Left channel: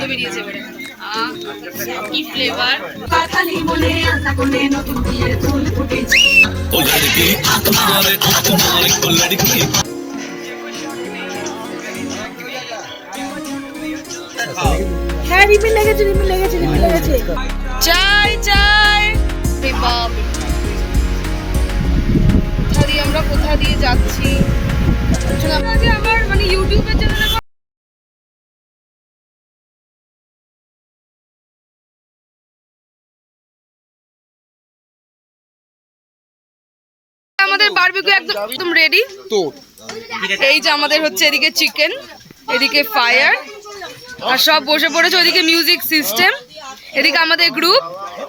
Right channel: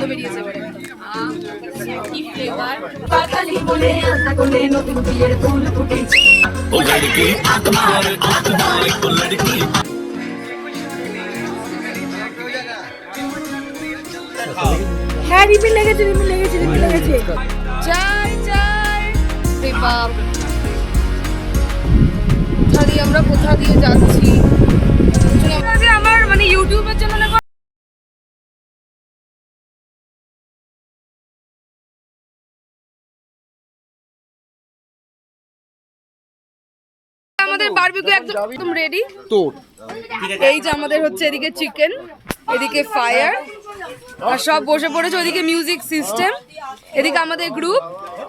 গন্ধ বেরিয়েছে এবারে কি ফ্লেভার পাতালি বলে আতা কোনে নতুন বিয়ের ফুল ফুটেছে ও লড়কি আঁখ মারে ও লড়কি হ্যাঁ রিমিল লেগেছে চাই চাই বাপ কোথা দিয়ে যাচ্ছি আমার মানে ইউটিউবের জন্য আমাদের বারবিকিউ একদম রেডি তো এই যে আমাদের হচ্ছে এদিকে চিকেন এদিকে ফায়ার আর সব বসে পড়েছে ওদিকে মিউজিক সিস্টেম এদিকে আমাদের গ্রুপ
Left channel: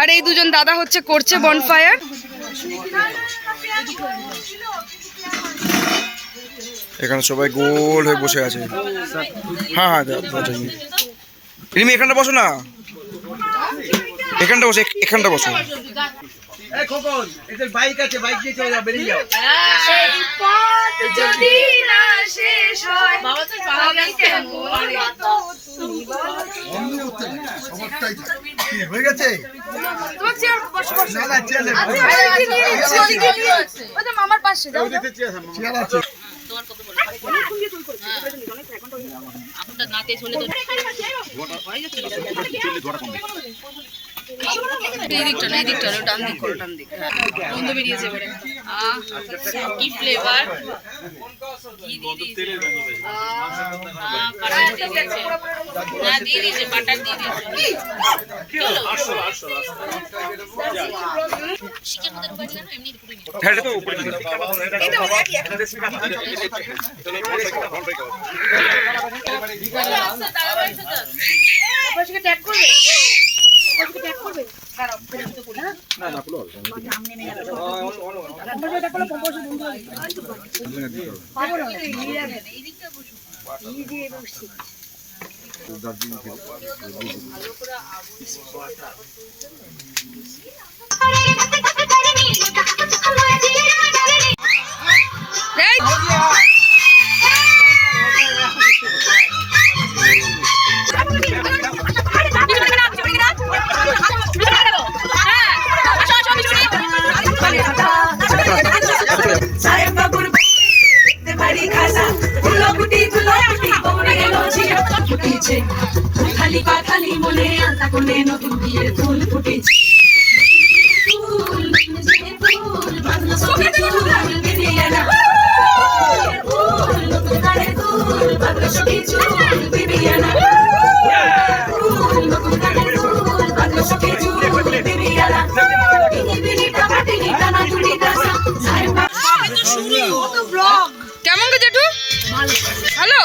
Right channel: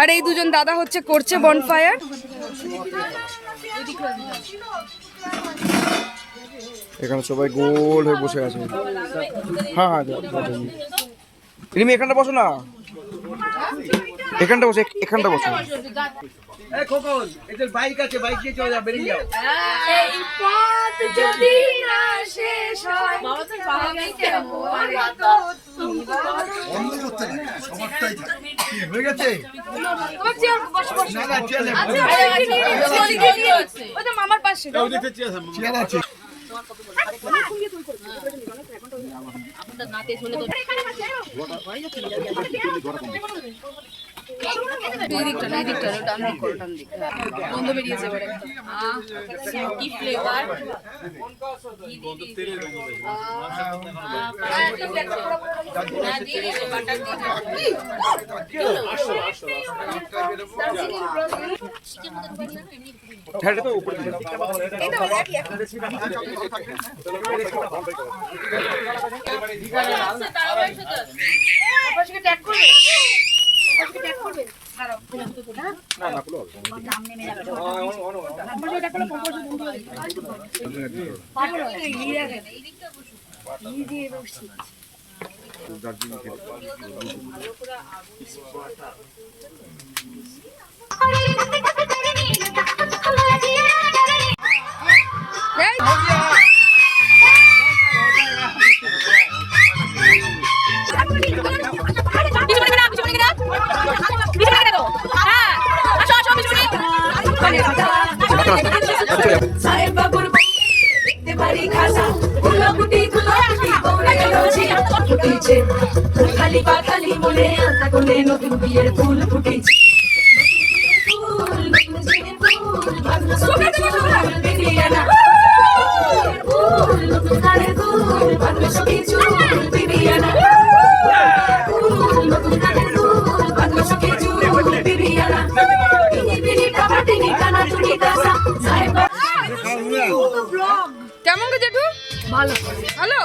আর এই দুজন দাদা হচ্ছে করছে বনফায়ার এখানে সবাই গোল হয়ে বসে আছে হ্যাঁ হ্যাঁ রিমি এখানটা বসো না এখানটা বসো এখানটা বসো বাইক আছে বাইক দিয়ে চলে যাও বেরিয়ে যাও এই পথ যদি না শেষ হয় আমি কেমন হয়ে গেছে মামার পাশে চেয়ার আছে এই দিকটা না এই দিকটা ডান দিক করো ডান দিক গন্ধ বেরিয়েছে এবারে কি ফ্লেভার খালি পাতালি বলে আতা কোনে নতুন বিয়ের ফুল ফুটেছে কেমন গো জেঠু হ্যালো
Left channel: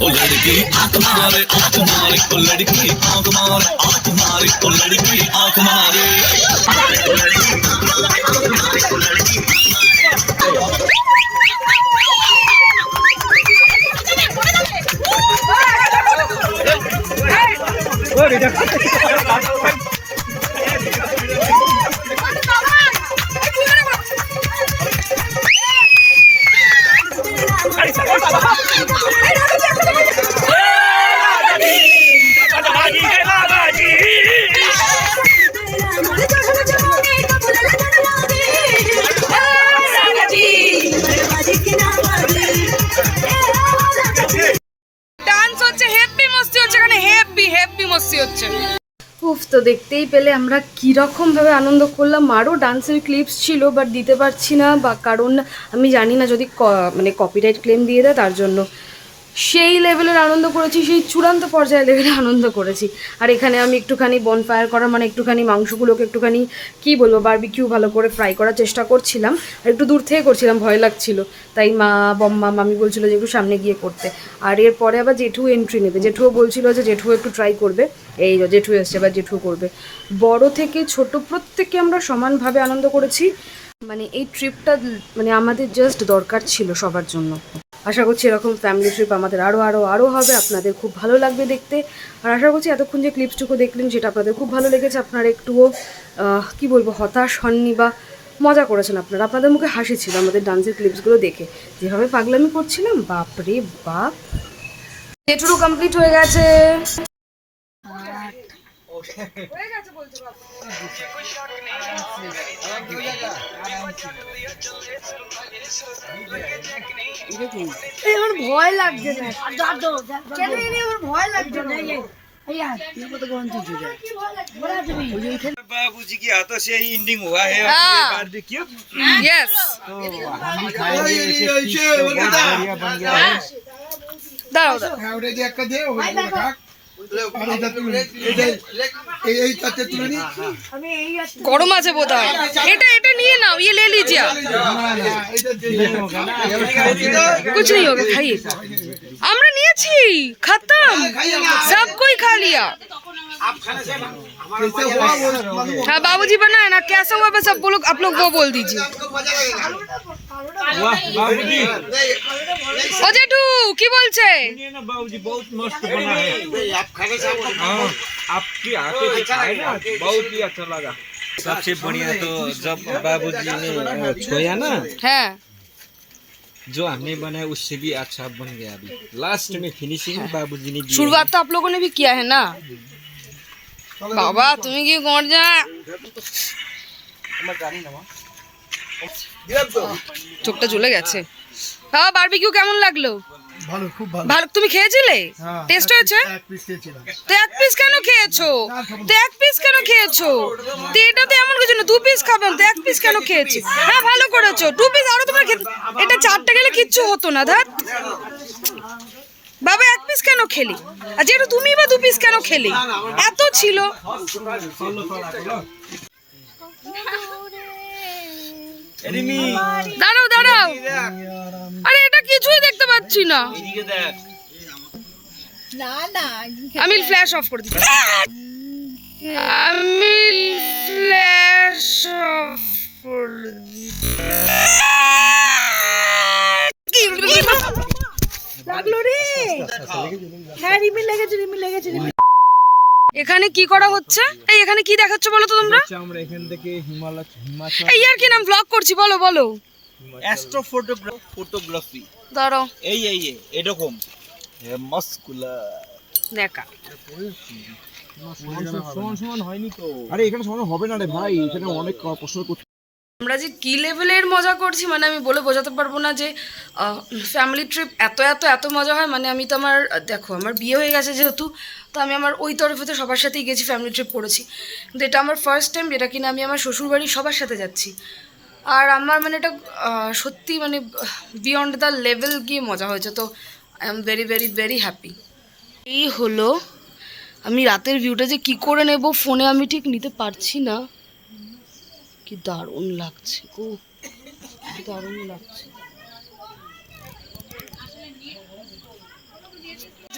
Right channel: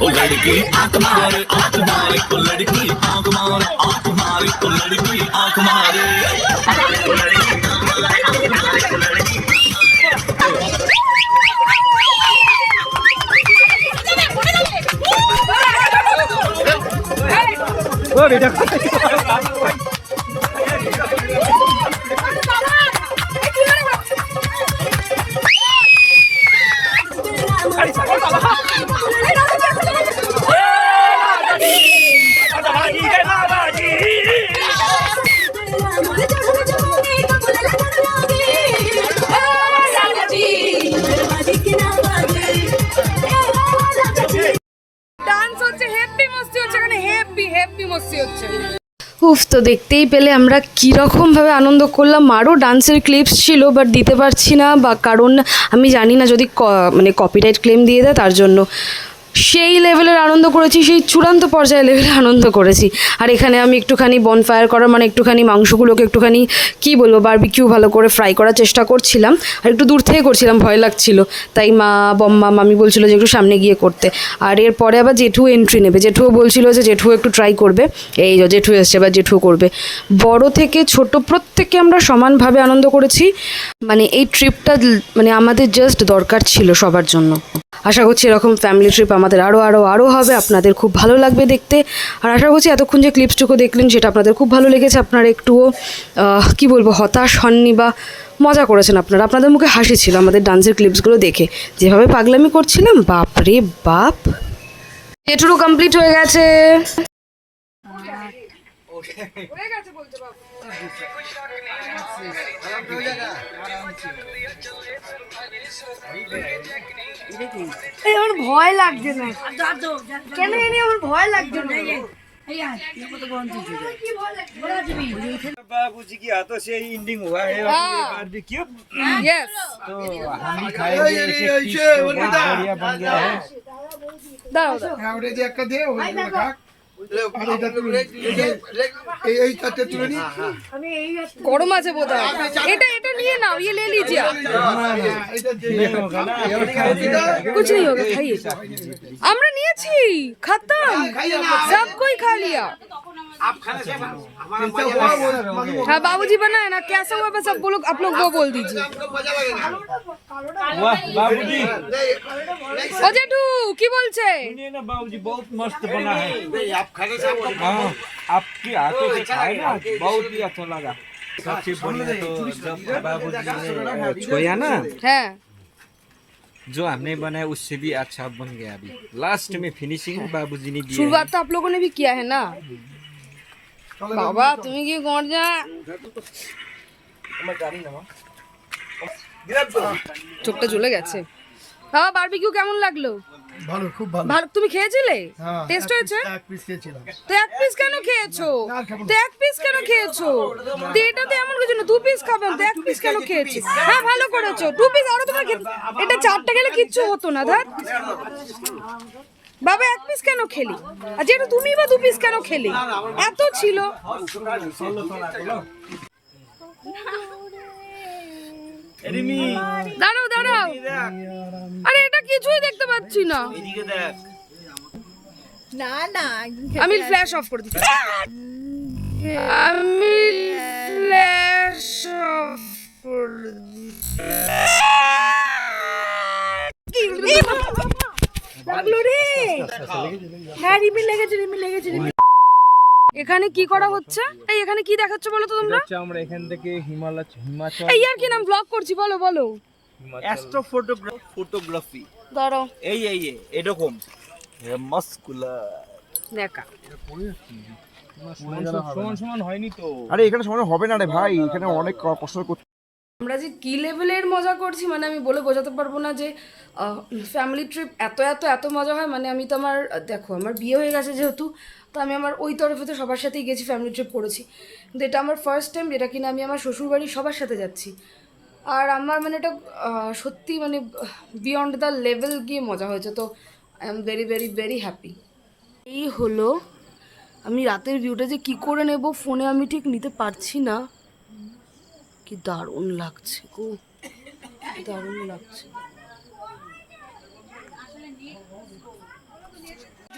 ओ लड़की आंख मारे ओ लड़की आंख मारे ओ लड़की आंख मारे উফ তো দেখতেই পেলে আমরা কীরকমভাবে আনন্দ করলাম। আরও ডান্সের ক্লিপস ছিল বাট দিতে পারছি না, বা কারণ আমি জানি না যদি মানে কপিরাইট ক্লেম দিয়ে দেয় তার জন্য। সেই লেভেলের আনন্দ করেছি, সেই চূড়ান্ত পর্যায়ে লেভেলে আনন্দ করেছি। আর এখানে আমি একটুখানি বনফায়ার করার মানে একটুখানি মাংসগুলোকে একটুখানি কী বলবো বারবিকিউ ভালো করে ফ্রাই করার চেষ্টা করছিলাম। আর একটু দূর থেকে করছিলাম, ভয় লাগছিল, তাই বম্মা মামি বলছিল যে একটু সামনে গিয়ে করতে। আর এরপরে আবার জেঠু এন্ট্রি নেবে, জেঠুও বলছিল যে জেঠু একটু ট্রাই করবে। এই যে জেঠু এসছে, এবার জেঠু করবে। বড় থেকে ছোট প্রত্যেককে আমরা সমানভাবে আনন্দ করেছি। মানে এই ট্রিপটা মানে আমাদের জাস্ট দরকার ছিল সবার জন্য। আশা করছি এরকম ফ্যামিলি ট্রিপ আমাদের আরও হবে, আপনাদের খুব ভালো লাগবে দেখতে। আর আশা করছি এতক্ষণ যে ক্লিপসটুকু দেখলেন সেটা আপনাদের খুব ভালো লেগেছে, আপনারা একটুও কী বলবো হতাশ হননি বা মজা করেছেন আপনারা, আপনাদের মুখে হাসি ছিল আমাদের ডান্সের ক্লিপসগুলো দেখে, যেভাবে পাগলামি করছিলাম বাপ রে বাপ। এটুকু কমপ্লিট হয়ে গেছে। আমার ভয় লাগছে না কেন আমার ভয় লাগছে না बाबूजी के हाथों से ही एंडिंग हुआ है हाँ। बारबेक्यू यस, तो हम भी खाएंगे ऐसे पीस तो बहुत बढ़िया बन गया है দাঁড়াও গরম আছে বোধ হয়, এটা নিয়ে নাও, ইয়ে লে লিজিয়া, कुछ नहीं होगा खाइए। আমরা নিয়েছি, खत्म, सब कोई खा लिया। हाँ बाबूजी बनाए ना, कैसा हुआ बस सब लोग आप लोग वो बोल दीजिए। वाह बाबूजी ও জেঠু কি বলছে? ना बाबूजी बहुत मस्त बना है हाँ, आपकी हाथों से खाए ना बहुत ही अच्छा लगा। सबसे बढ़िया तो जब बाबूजी ने छोया ना, হ্যাঁ जो हमने बनाया उससे भी अच्छा बन गया। अभी लास्ट में फिनिशिंग बाबूजी ने दी शुरुआत तो आप लोगों ने भी किया है ना। বাবা তুমি কি গর্জা, চোখটা জ্বলে গেছে। বাবা বারবিকিউ কেমন লাগলো? ভালো, খুব ভালো। ভালো, তুমি খেয়েছিলে? হ্যাঁ। টেস্ট হয়েছে? এক পিস খেয়েছিলাম। তো এক পিস কেন খেয়েছো? তো এক পিস কেন খেয়েছো? তো এটা তো এমন কিছু না, 2 পিস খাবেন তো 1 পিস কেন খেয়েছো? হ্যাঁ ভালো করেছো, 2 পিস আরো তোমরা খেতে, এটা 4টা গেলে কিচ্ছু হতো না। ধ্যাত বাবা 1 পিস কেন খেলি? আর যেটা তুমি বা 2 পিস কেন খেলি? এত ছিল। দাঁড়াও দাঁড়াও, আরে এটা কিছুই দেখতে পাচ্ছি না। না না আমি ফ্ল্যাশ অফ করে দিচ্ছি, আমি ফ্ল্যাশ অফ করে লাগলো রে। হ্যাঁ রিমি লেগেছে এখানে কি করা হচ্ছে? এই এখানে কি দেখাচ্ছ বলো তো তোমরা? আমরা এখান থেকে হিমাচল এই আর কি নাম ব্লগ করছি, বলো বলো। অ্যাস্ট্রো ফটোগ্রাফি দাঁড়াও এই এরকম মাস্কুলার দেখা। সমান হয়নি তো। আরে এখানে সময় হবে না রে ভাই, এখানে অনেক কষ্ট করতে। আমরা যে কি লেভেলের মজা করছি মানে আমি বলে বোঝাতে পারবো না যে ফ্যামিলি ট্রিপ এত মজা হয়। মানে আমি তো দেখো আমার বিয়ে হয়ে গেছে যেহেতু, তো আমি আমার ওই তরফে তো সবার সাথেই গেছি, ফ্যামিলি ট্রিপ করেছি, কিন্তু এটা আমার ফার্স্ট টাইম যেটা কিনা আমি আমার শ্বশুরবাড়ি সবার সাথে যাচ্ছি। আর আমার মানে এটা সত্যি মানে বিয়ন্ড দ্য লেভেল গিয়ে মজা হয়েছে। তো I am very very very happy. এই হলো, আমি রাতের ভিউটা যে কি করে নেব ফোনে আমি ঠিক নিতে পারছি না। কি দারুণ লাগছে গো, দারুণ লাগছে।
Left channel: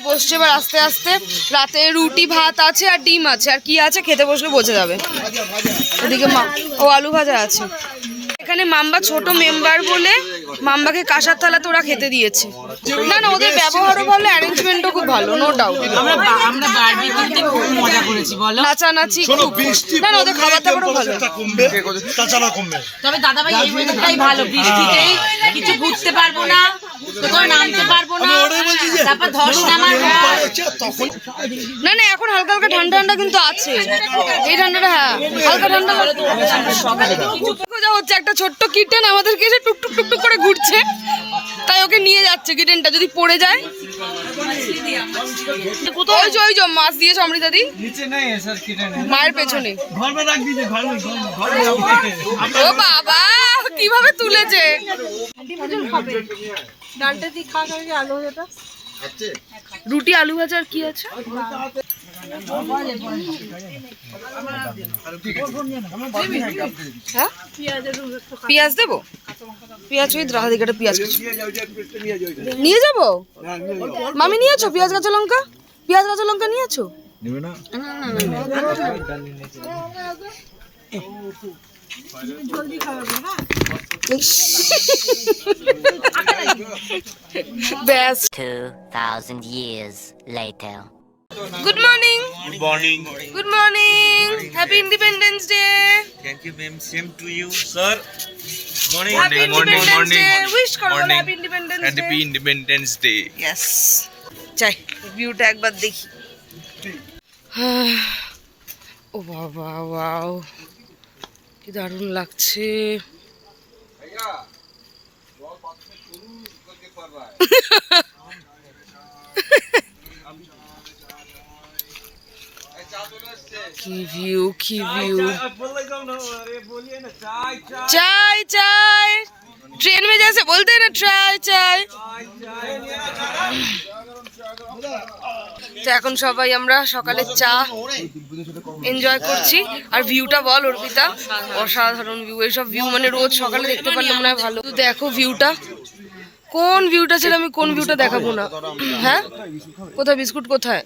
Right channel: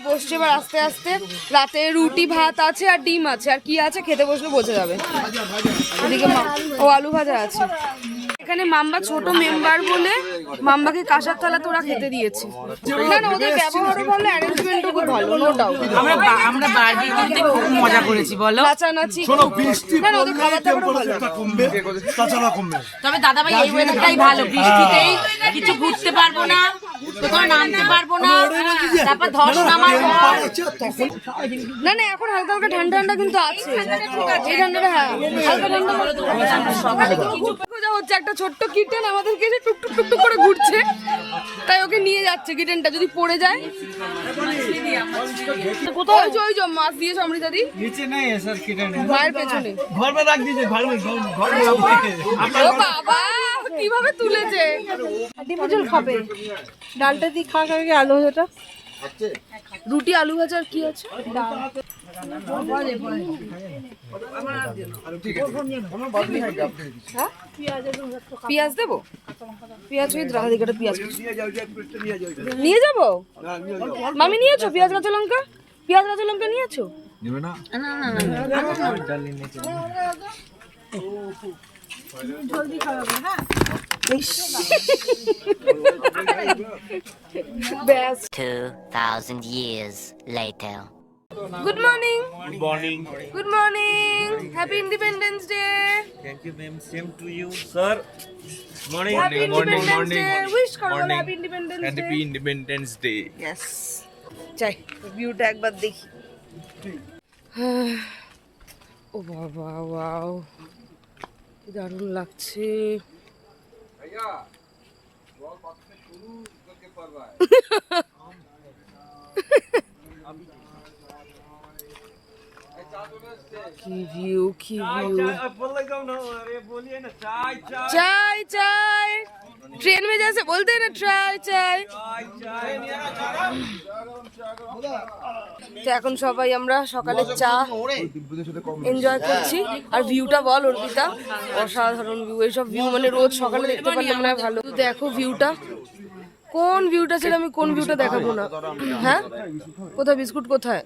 বসছে এবার আস্তে আস্তে, রাতে রুটি ভাত আছে আর ডিম আছে, আর কি আছে খেতে বসলে বোঝা যাবে। এদিকে আলু ভাজা আছে। এখানে মাম্বা ছোট মেম্বার বলে মাম্বাকে কাঁসার থালাতে ওরা খেতে দিয়েছে। না না ওদের ব্যবহারও ভালো, অ্যারেঞ্জমেন্টও খুব ভালো, নো ডাউট। আমরা বারবিকিউতে খুব মজা করেছি বলো। নাচানাচি না না ওদের খাবার দাবারও ভালো। তবে দাদাভাই এই ওয়েদারটাই ভালো, বৃষ্টিতেই কিছু ঘুরতে পারবো না, কোথাও নামতে পারবো না, তারপর ধস নামার না না এখন হালকা হালকা ঠান্ডা ঠান্ডা কিন্তু আছে, এই ঠান্ডাটা হ্যাঁ হালকা ঠান্ডা হচ্ছে। একটা ছোট্ট কিটেন আমাদেরকে এসে টুকটুক টুকটুক করে ঘুরছে, তাই ওকে নিয়ে যাচ্ছে। কিটেনটা যদি পড়ে যায়, ওই যে মাছ দিয়েছে অমৃতা দি মায়ের পেছনে। ও বাবা কিভাবে তুলেছে। খাবে ডালটা দিয়ে খা আলু ভাজাটা রুটি আলু ভাজা আর কি আছে? হ্যাঁ পেঁয়াজ দেবো? পেঁয়াজ ওই রাধা দিকে পেঁয়াজ নিয়ে যাবো। মামি নিয়েছো পেঁয়াজ কাঁচা লঙ্কা? পেঁয়াজ কাঁচা লঙ্কা নিয়েছো? Best. 2,000 years later. Good morning. Good morning. Good morning. Happy Independence Day. Thank you, ma'am. Same to you, sir. Morning. Happy Independence Day. Wish করো বলো Happy Independence Day. Happy Independence Day. Yes. চাই ভিউটা একবার দেখি। ও বাবা wow কি দারুণ লাগছে। কি ভিউ কি ভিউ। চাই চাই ट्रेन में जैसे बोलते हैं ना चाय चाय। তো এখন সবাই আমরা সকালে চা এনজয় করছি। আর ভিউটা বল অর্পিতা, অসাধারণ ভিউ। এইসব ভিউ মানে রোজ সকালে দেখতে পারলে মনে হয় ভালো। দেখো ভিউটা, কোন ভিউটা ছিল আমি কোন ভিউটা দেখাবো না। হ্যাঁ কোথায় বিস্কুট কোথায়?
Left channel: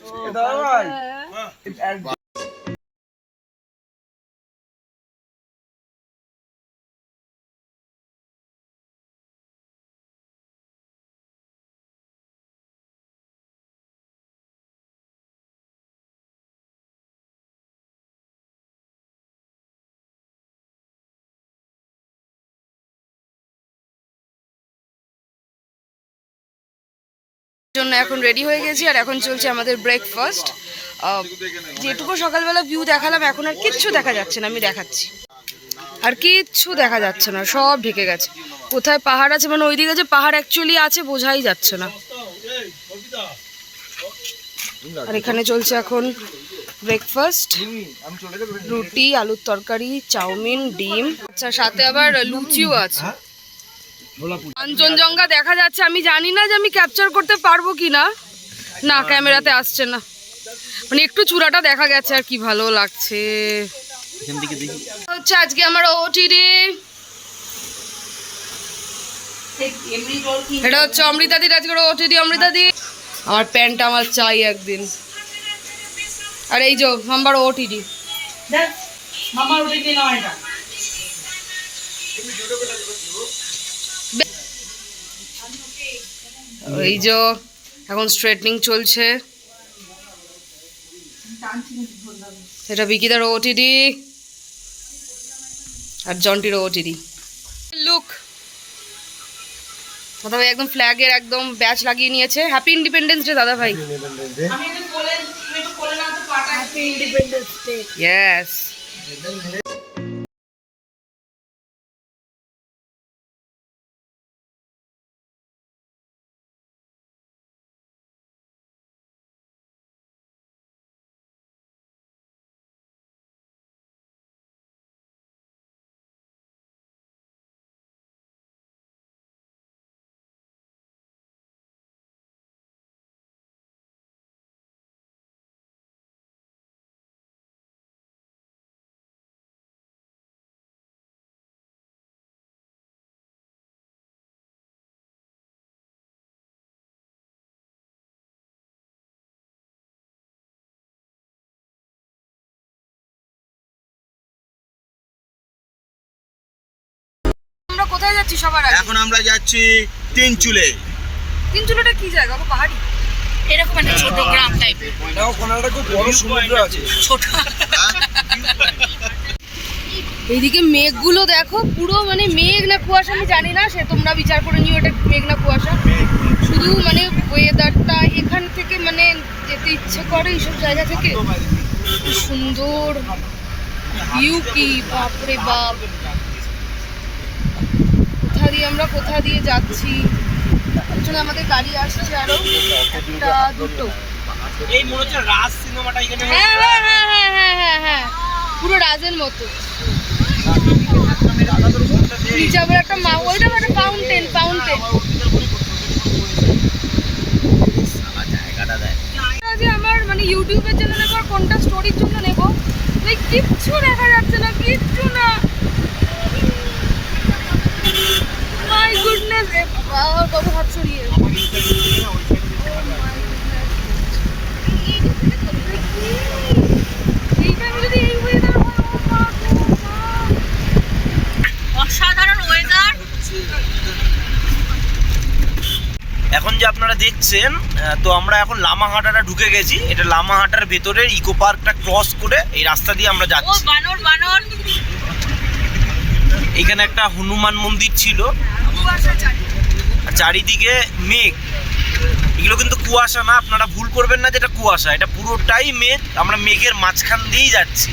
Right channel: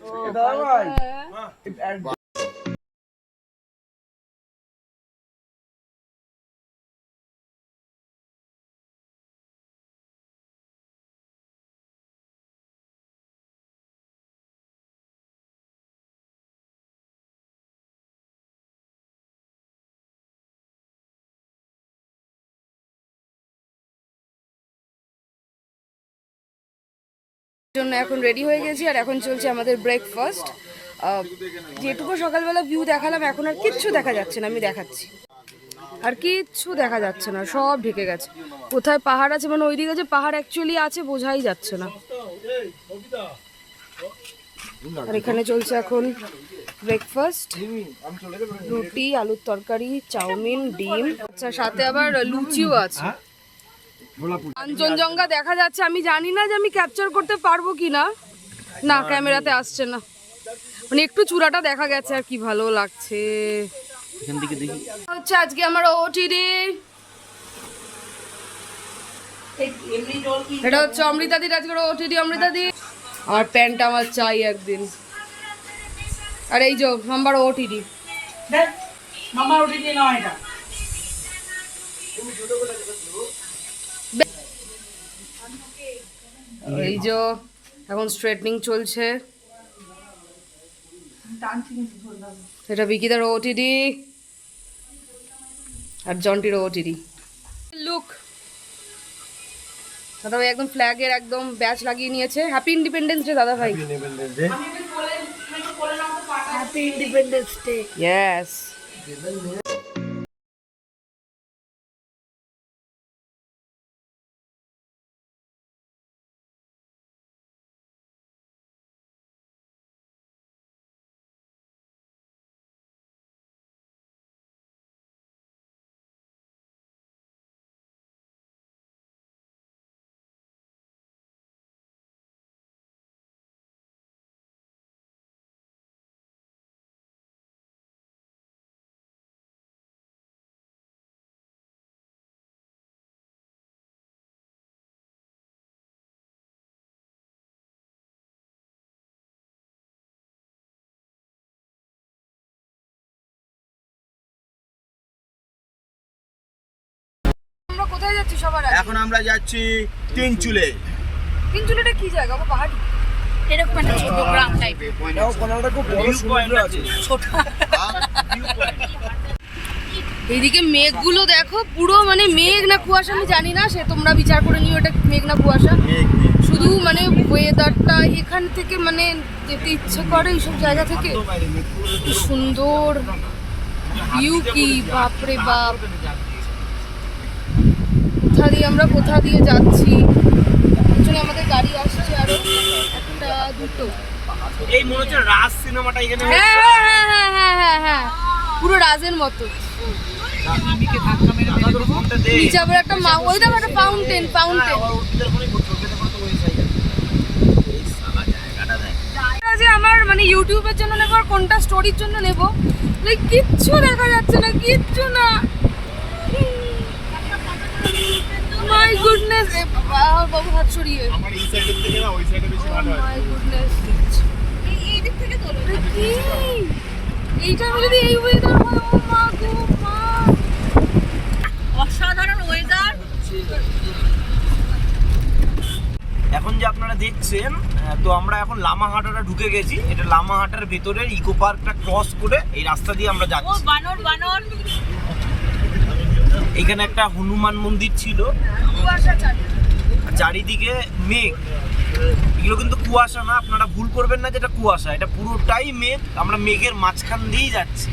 জন্য এখন রেডি হয়ে গেছি আর এখন চলছে আমাদের ব্রেকফাস্ট। যেটুকু সকালবেলা ভিউ দেখালাম এখন আর কিচ্ছু দেখা যাচ্ছে না, আমি দেখাচ্ছি। আর কিচ্ছু দেখা যাচ্ছে না, সব ঢেকে গেছে। কোথায় পাহাড় আছে মানে ওইদিকে যে পাহাড় অ্যাকচুয়ালি আছে বোঝাই যাচ্ছে না। আর এখানে চলছে এখন ব্রেকফাস্ট, রুটি, আলুর তরকারি, চাউমিন, ডিম, আচ্ছা সাথে আবার লুচিও আছে। কাঞ্চনজঙ্ঘা দেখা যাচ্ছে, আমি জানি না যে আমি ক্যাপচার করতে পারবো কি না। না ক্যামেরাতে আসছে না, মানে একটু চূড়াটা দেখা গেছে আর কি ভালো লাগছে। হচ্ছে আজকে আমার ওটিডি, এটা হচ্ছে অমৃতাদির আজকে ওটিডি। অমৃতাদি আমার প্যান্টটা আমার চাই একদিন। আর এই যে নাম্বার ওটিডি এই যে এখন স্ট্রেটনিং চলছে। এটা বিকিদার ওটিডি আর জন্টির ওটিডি। লুক দাদা ভাই একদম ফ্ল্যাগের একদম ব্যাচ লাগিয়ে নিয়েছে। হ্যাপি ইন্ডিপেন্ডেন্স ডে দাদা ভাই। Happy independence day. ইয়েস। আমরা কোথায় যাচ্ছি সবার আগে? এখন আমরা যাচ্ছি তিনচুলে। তিনচুলেটা কি জায়গা গো? পাহাড়ি এরকম একটা ছোট গ্রাম টাইপের। এইদিকে মেঘগুলো দেখো, পুরো মানে মেঘ না কুয়াশা আমি জানি না, সে তোমরা বিচার করে নিও এটা মেঘ না কুয়াশা। শুধু মানে ওয়েদারটা এখান থেকে মানে যেতে ইচ্ছে করে এইসব জায়গা থেকে। কি সুন্দর ভিউ, কি বাপরে বাপ। কোথা দিয়ে আমরা কোথা দিয়ে যাচ্ছি, পিছনে আমাদের গাড়ি আসছে আরো একটা দুটো। এই মনে হচ্ছে রাজ সিনেমাটা এখানে। হ্যাঁ হ্যাঁ হ্যাঁ হ্যাঁ হ্যাঁ হ্যাঁ পুরো রাজের মতো। নিচে আবার একটা ওই দেখো একটা ফাউন্টেন। ইউটিউবের জন্য নেবো আর কোনটা স্টোরির জন্য নেবো, কিচ্ছু দেখা যাচ্ছে না, কিচ্ছু না। মাই গুডনেস, এ বাবা, বাবু হাত সরিয়ে। মাই গুডনেস, এইটা যদি এই ওয়েদার হয়, ও মা গো মা, অসাধারণ ওয়েদার। এখন যে আপনারা দেখছেন, তো আমরা এখন লামাহাটাটা ঢুকে গেছি। এটা লামাহাটার ভেতরের ইকো পার্কটা ক্রস করে এই রাস্তা দিয়ে আমরা ও যাচ্ছি। বানর বানর। এখানে একটা হনুমান মন্দির ছিল, আর চারিদিকে মেঘ। এগুলো কিন্তু কুয়াশা না, আপনারা ভুল করবেন না যেটা কুয়াশা, এটা পুরোটাই মেঘ। আমরা মেঘের মাঝখান দিয়েই যাচ্ছি।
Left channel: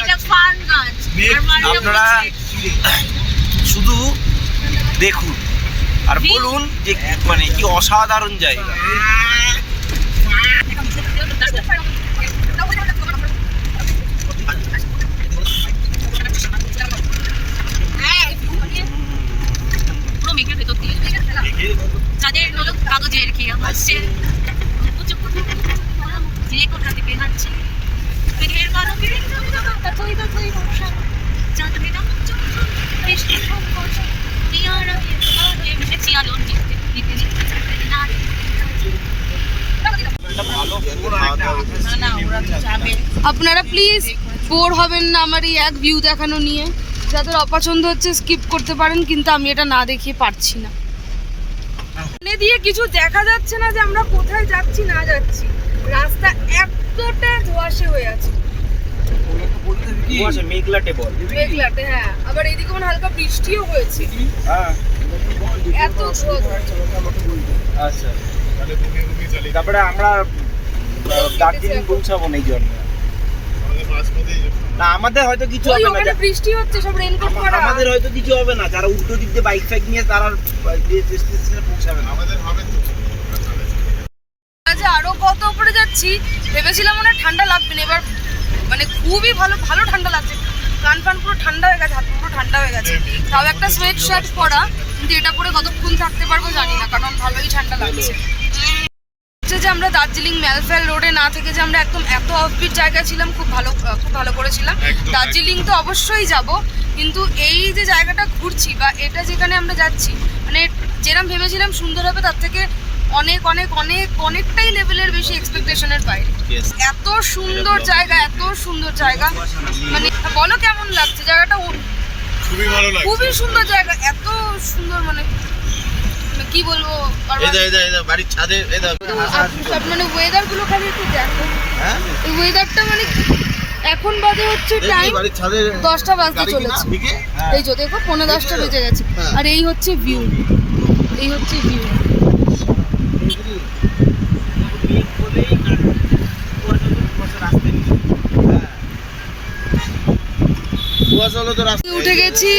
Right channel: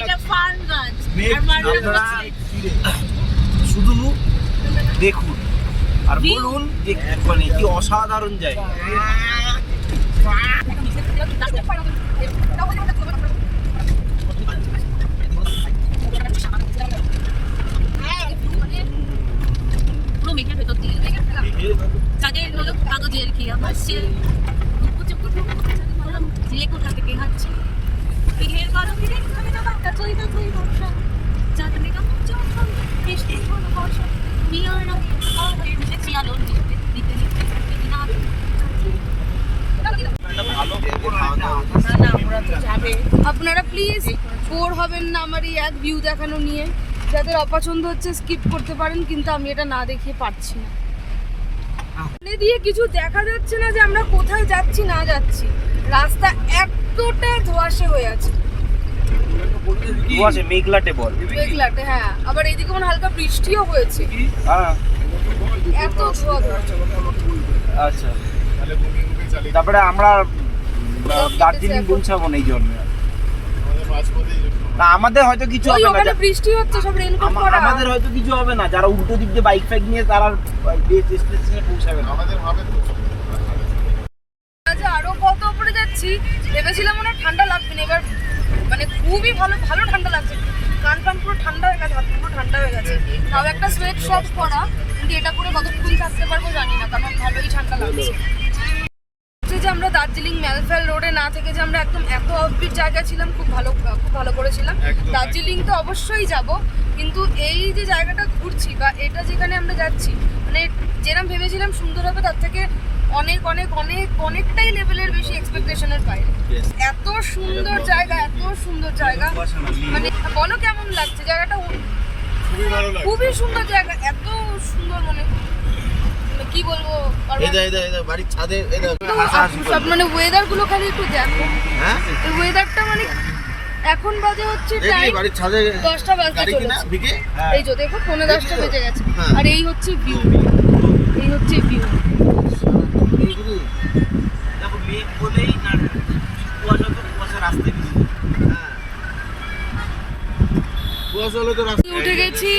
এটা ফান গাছ। আপনারা শুধু দেখুন আর বলুন যে মানে কি অসাধারণ জায়গা। পুরো মেঘের ভেতর দিয়ে যাদের হলো কাগজের খেয়া বসছে, যে কোথা থেকে হাঁটছে, মেঘের পালকে আপনারা প্লিজ বোর হবেন না আমার এই এক ভিউ দেখানো নিয়ে। যাদের অপছন্দ হচ্ছে স্কিপ করতে পারেন, কিন্তু আমি এটা না দেখিয়ে পারছি না। সামনে দিয়ে কিছু দেখা যাচ্ছে না যে আমরা কোথায় যাচ্ছি না যাচ্ছি। রাস্তা এতটা ধোঁয়াশে হয়ে আছে, মেঘলাটে বল, মেঘলাটে। হ্যাঁ, আবার এইদিকে মনে হালকা বৃষ্টিও হয়েছে। এত ধোঁয়া ধোঁয়া। আচ্ছা, তারপরে আমরা দার্জিলিং পৌঁছাবো না এই জন্য। না, আমাদের হয়তো কিছু ওই হবে ওখানে না, বৃষ্টি হচ্ছে, সব রেনকোট পরা। আমাদের হয়তো কিছু হবে না। যারা উল্টো দিক দিয়ে বাইক ফাইক নিয়ে তারা ডেস্টিনেশনে পৌঁছাবে না। আমাদের হবে তো। আচ্ছা, আরো কত উপরে যাচ্ছি, ভেবেছিলাম মনে হয় ঠান্ডা লাগবে না, এবার মানে খুবই ভালো ভালো ঠান্ডা লাগছে। কান ফান পুরো ঠান্ডা হয়ে গেছে, হাত পুরো ঠান্ডা হয়ে গেছে। তাও একটা সোয়েট শার্ট পরা, কিন্তু এটা পরে কতক্ষণ থাকতে পারবো জানি না, কারণ ভালোই ঠান্ডা লাগছে। যে আমরা দার্জিলিং ম্যালফেল রোডে না থেকে যে আমরা একদম এত অফবিট জায়গা ছিলাম, খুব ভালো করেছিলাম। দার্জিলিং তো অবশ্যই যাব, কিন্তু এই যে জায়গাটা ঘুরছি বা এটা যেখানে আমরা যাচ্ছি, মানে যেরকম ভেবেছিলাম সুন্দর হবে, তার থেকে অনেক অনেক অনেক অনেকটাই লেভেলের বেশি এক্সপেকটেশনের বাইরে। এত সুন্দর জায়গা, এত সুন্দর জায়গা, মানে বলো কেমন লাগছে জায়গাটা? খুবই ভালো লাগে, খুবই সুন্দর জায়গা, এত সুন্দর, মানে কি বলবো, বাড়ির ছাদে সব মানে ওয়েদার গুলো খালি একটু দেখো। এই ওয়েদারটা মানে এখন বাজে হচ্ছে টাইম 10টা বাজতে চলেছে। এই যে দেখো 9:10টা বেজে গেছে, আর এই হচ্ছে ভিউ, এই হচ্ছে ভিউ। উঠে গেছি,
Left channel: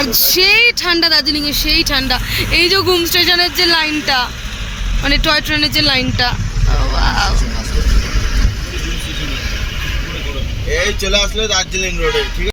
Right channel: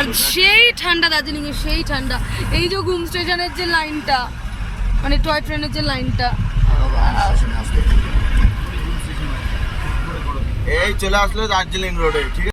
আর সেই ঠান্ডা দার্জিলিং এর, সেই ঠান্ডা। এই যে ঘুম স্টেশনের যে লাইনটা, মানে টয় ট্রেনের যে লাইনটা, এই চলে আসলো দার্জিলিং রোডে, ঠিক আছে।